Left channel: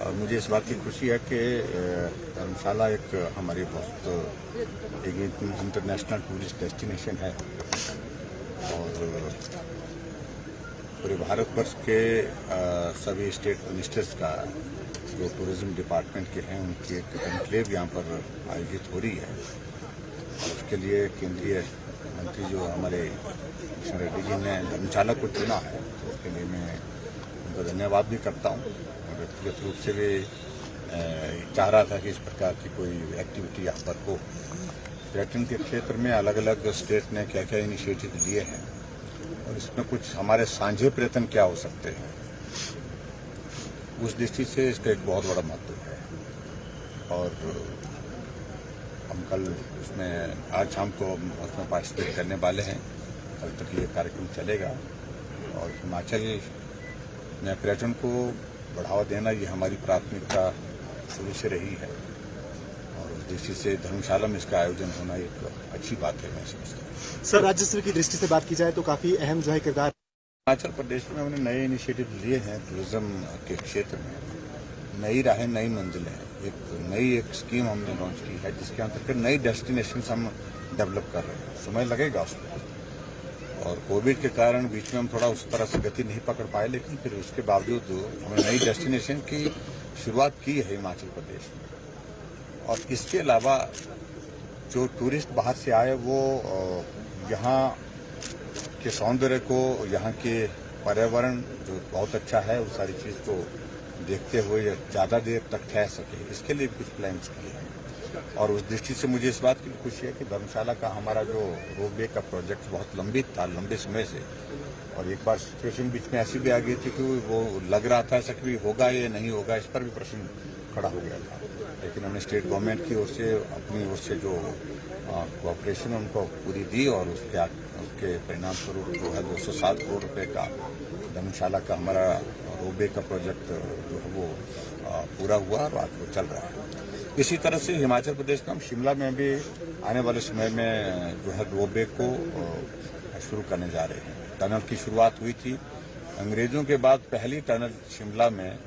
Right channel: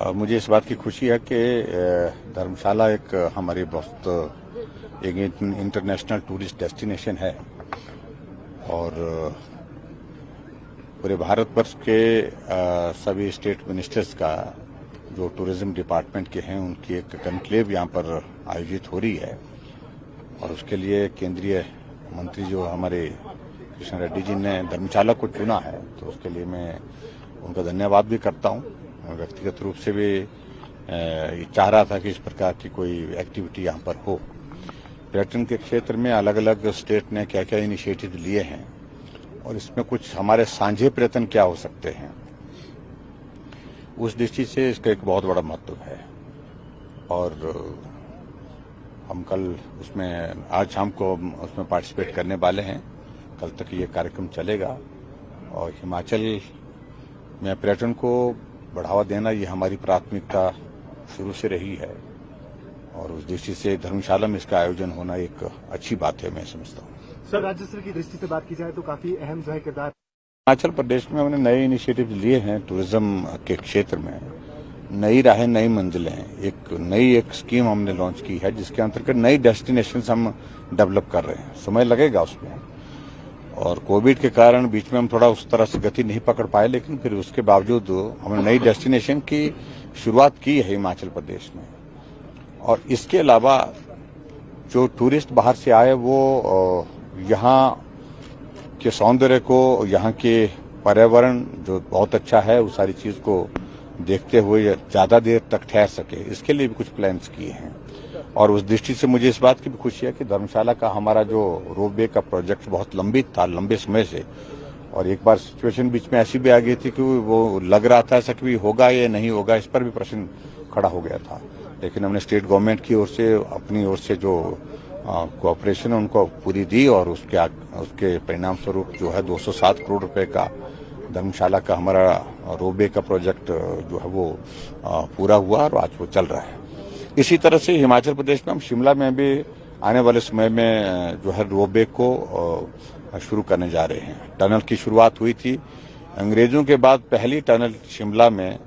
मुझे इस बात की खुशी है कि धर्मशाला एक हमारी बहुत एक इंटरनेशनल टूरिस्ट डेस्टिनेशन है और पूरे भारतवर्ष के सभी स्टेट मिनिस्टर्स का जो टूरिज्म डिपार्टमेंट के हैं उनकी एक कॉन्क्लेव यहाँ पर आयोजित हो रही है और उसके लिए केंद्रीय मंत्री जो हमारे किशन रेड्डी जी ने धर्मशाला को चुना है तो उसके लिए मैं उनका धन्यवाद भी करता हूँ और व्यक्तिगत रूप से भी चाह रहा था कि इस प्रकार की कोई एक्टिविटी यहाँ पर हो। पर्यटन के क्षेत्र में अलग अलग स्टेट ने क्या क्या इनिशिएटिव लिए हैं और इसमें कुछ हमारे साझे प्रयत्न क्या हो सकते हैं, उस दृष्टि से इसका एक बहुत बड़ा महत्व है। और हम कल उसमें आज शाम को उसमें पार्टिसिपेट करने वाले हैं। कल तक ये कार्यक्रम चलेगा और हिमाचल में पर्यटन को बढ़ावा देना ये हमारी प्राथमिकता शुरू से रही है और उस दृष्टि से धर्मशाला में इसका आयोजन होना एक अच्छी बात है, मैं समझता हूँ। सर, राज्य स्तर की दृष्टि से बात की जाए तो काफी अहम जो है किरदार हिमाचल प्रदेश में हमने नए इनिशिएटिव लिए हैं टूरिज्म के क्षेत्र में। नई राहें, नई मंजिलें, एक स्कीम हमने लॉन्च की है जिसके अंतर्गत नई डेस्टिनेशन हम डेवलप कर रहे हैं। समय लगेगा उसमें और कोविड के कारण बीच में हम थोड़ा उस तरह से गति नहीं पकड़ पाए, लेकिन फिर उसके बावजूद हमने नई डेस्टिनेशन की शुरुआत की है हिमाचल प्रदेश में। और इसके अलावा जो टूरिस्ट बाहर से आए वो यहाँ के सौंदर्य को, यहाँ के पर्यावरण जो बहुत अच्छा है, उस सारी चीज को देखते हुए ज्यादा देर तक ठहर सके, इसके लिए भी कुछ प्लान्स किए हैं। और उस दृष्टि से मुझे इस बात की भी खुशी है कि धर्मशाला का हमारा जो रोपवे का प्रोजेक्ट बहुत लंबित था, लंबे समय से, और एक बार सिचुएशन बीच में ऐसी भी आ गई थी कि वो लग रहा था ऐसा कि भी होगा या नहीं होगा, इस पर भी प्रश्न खड़ा हो गया था। लेकिन हमने स्टेट गवर्नमेंट की ओर से, अपनी ओर से जो कोऑपरेशन उनको पूरी दी और उसके परिणाम स्वरूप जो है 207 करोड़ रुपए का धर्मशाला का हमारा रोपवे का प्रोजेक्ट जो है वो पूरा हुआ और आज वो चल रहा है। इसी तरह से हिमाचल प्रदेश में हम शिमला में भी आने वाले समय में जो है रोपवे को शुरू करने जा रहे हैं। टनल की शुरुआत हुई थी अंग्रेजों के बाद, पहली टनल शिमला में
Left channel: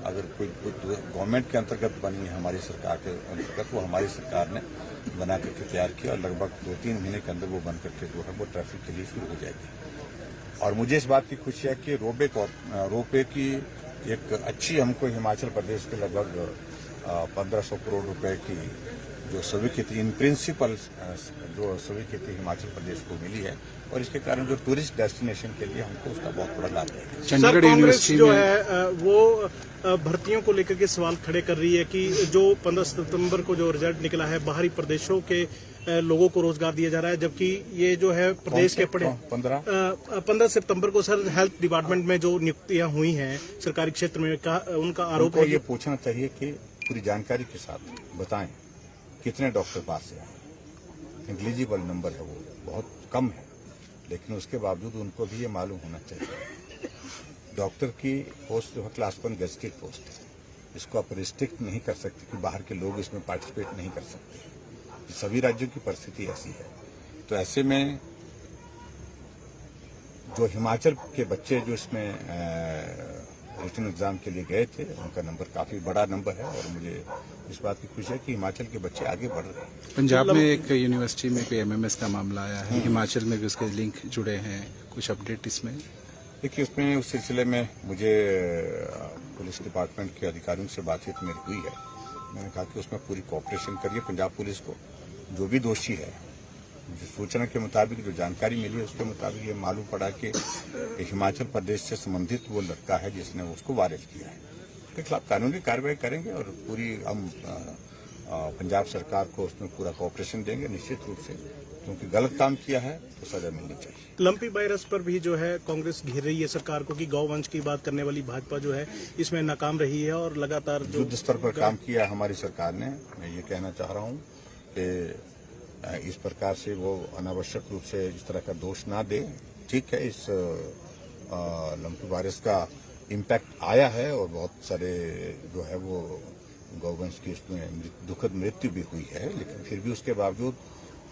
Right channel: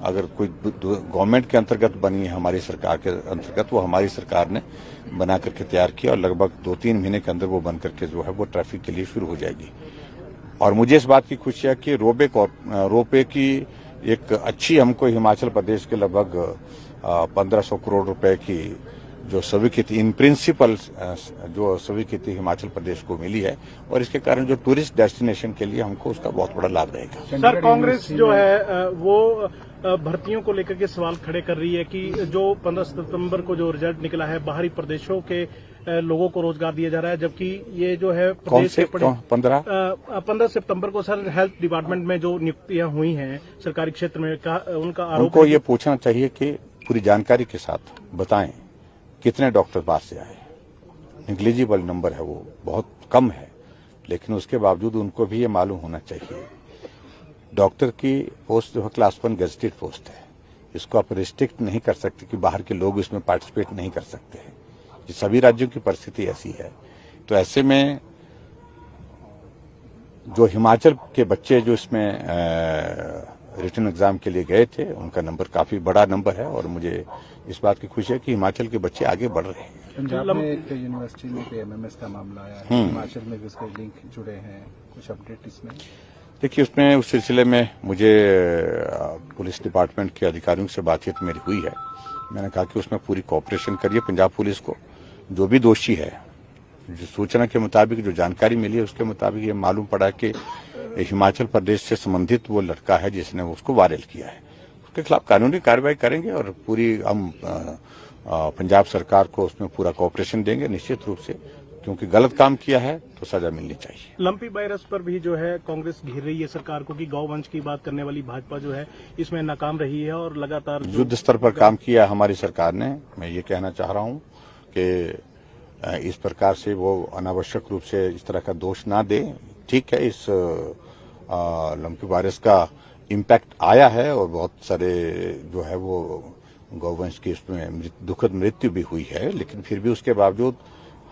अगर कोई गवर्नमेंट के अंतर्गत बनी है, हमारी सरकार के अंतर्गत, वो हमारी सरकार ने बना करके तैयार किया और लगभग 2-3 महीने के अंदर वो बन करके जो है वो ट्रैफिक के लिए शुरू हो जाएगी। और मुझे इस बात की खुशी है कि रोपवे की एक अच्छी हमको हिमाचल प्रदेश के लगभग 1500 करोड़ रुपए की जो स्वीकृति इन प्रिंसिपल जो स्वीकृति हिमाचल प्रदेश को मिली है और इसके कारण जो टूरिस्ट डेस्टिनेशन के लिए हमको उसका बहुत बड़ा लाभ रहेगा। सर, कांग्रेस जो है वो भर्तियों को लेकर के सवाल खड़े कर रही है कि जो 15 सितंबर को जो रिजल्ट निकला है, बाहरी प्रदेशों के लोगों को रोजगार दिया जा रहा है, जबकि ये जो है प्रदेश के 15 सितंबर को सर हेल्थ डिपार्टमेंट में जो नियुक्तियां हुई हैं सरकारी क्षेत्र में उनका आरोप है। ये पूछना चाहिए कि पूरी जानकारी के साथ बताएं कितने डॉक्टर पास से आए। निग्लिजिबल नंबर है, वो बहुत कम है, लेकिन उसके बावजूद उनको भी ये मालूम होना चाहिए। डॉक्टर की पोस्ट जो है क्लास 1 गेजेटेड पोस्ट है, इसको आप रिस्ट्रिक्ट नहीं कर सकते कि बाहर के लोग इसमें पार्टिसिपेट नहीं कर सकते हैं। ये सभी राज्यों की परिस्थिति ऐसी है। तो ऐसे में जो हिमाचल के बच्चे जो इसमें रिटन एग्जाम के लिए गए थे, उनका नंबर काफी बड़ा नंबर है और मुझे इस बात की खुशी है कि हिमाचल के बच्चे आगे बढ़ रहे हैं। पंजाब में एक यूनिवर्सिटी में एमएमएस का मामला आया है, हिमाचल में भी उसके लिंक जुड़े हैं, कुछ अपडेट इसमें? देखिए, उसमें उस सिलसिले में मुझे पुलिस डिपार्टमेंट के अधिकारियों से बातचीत मेरी हुई है। मैंने कहा कि उसमें पूरी कोऑपरेशन करिए पंजाब पुलिस को। जो भी दोषी है, जो सूचना के मुताबिक जो जानकारी मिली है उसके मुताबिक ये मालूम पड़ा कि हिमाचल प्रदेश से संबंधित वो लड़का है जिसने उसको वायरल किया है। उसके खिलाफ कानूनी कार्रवाई करेंगे और पूरी हम पंजाब सरकार को उसमें पूरा कोऑपरेशन देंगे निश्चित रूप से, क्योंकि गलत काम किया है तो सजा मिलनी चाहिए। लंपी वायरस पर भी जो है कांग्रेस घेर रही है सरकार को कि गौवंश की बात करने वाली भाजपा जो है इसमें नाकाम रही है और लगातार युद्ध स्तर पर काम किया हमारी सरकार ने। मैं ये कहना चाह रहा हूँ कि इस प्रकार से वो अनावश्यक रूप से इस तरह का दोष ना दे। ठीक है, इस लंपी वायरस का इम्पैक्ट आया है और बहुत सारे जो है वो गौवंश की इसमें दुखद मृत्यु भी हुई है, लेकिन फिर भी उसके बावजूद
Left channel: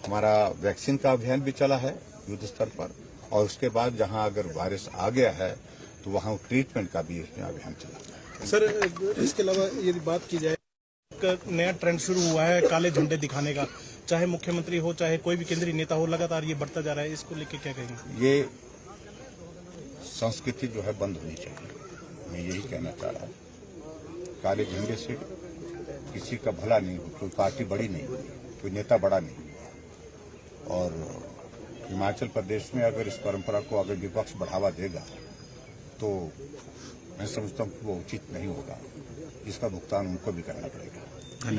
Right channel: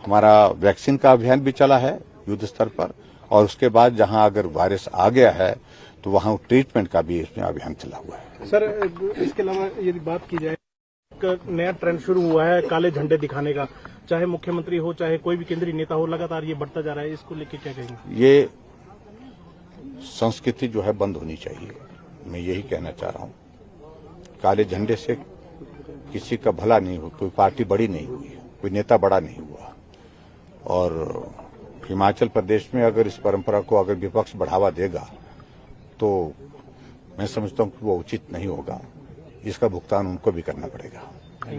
हमारा वैक्सीन का अभियान भी चला है युद्ध स्तर पर। और उसके बाद जहां अगर वायरस आ गया है तो वहाँ ट्रीटमेंट का भी इसमें अभियान चला हुआ है। सर, इसके अलावा यदि बात की जाए, एक नया ट्रेंड शुरू हुआ है काले झंडे दिखाने का, चाहे मुख्यमंत्री हो चाहे कोई भी केंद्रीय नेता हो, लगातार ये बढ़ता जा रहा है, इसको लेके क्या कहेंगे? ये संस्कृति जो है बंद होनी चाहिए, मैं यही कहना चाह रहा हूँ। काले झंडे से किसी का भला नहीं हो, कोई पार्टी बड़ी नहीं हुई, कोई नेता बड़ा नहीं हुआ। और हिमाचल प्रदेश में अगर इस परंपरा को अगर विपक्ष बढ़ावा देगा तो मैं समझता हूँ कि वो उचित नहीं होगा, इसका भुगतान उनको भी करना पड़ेगा।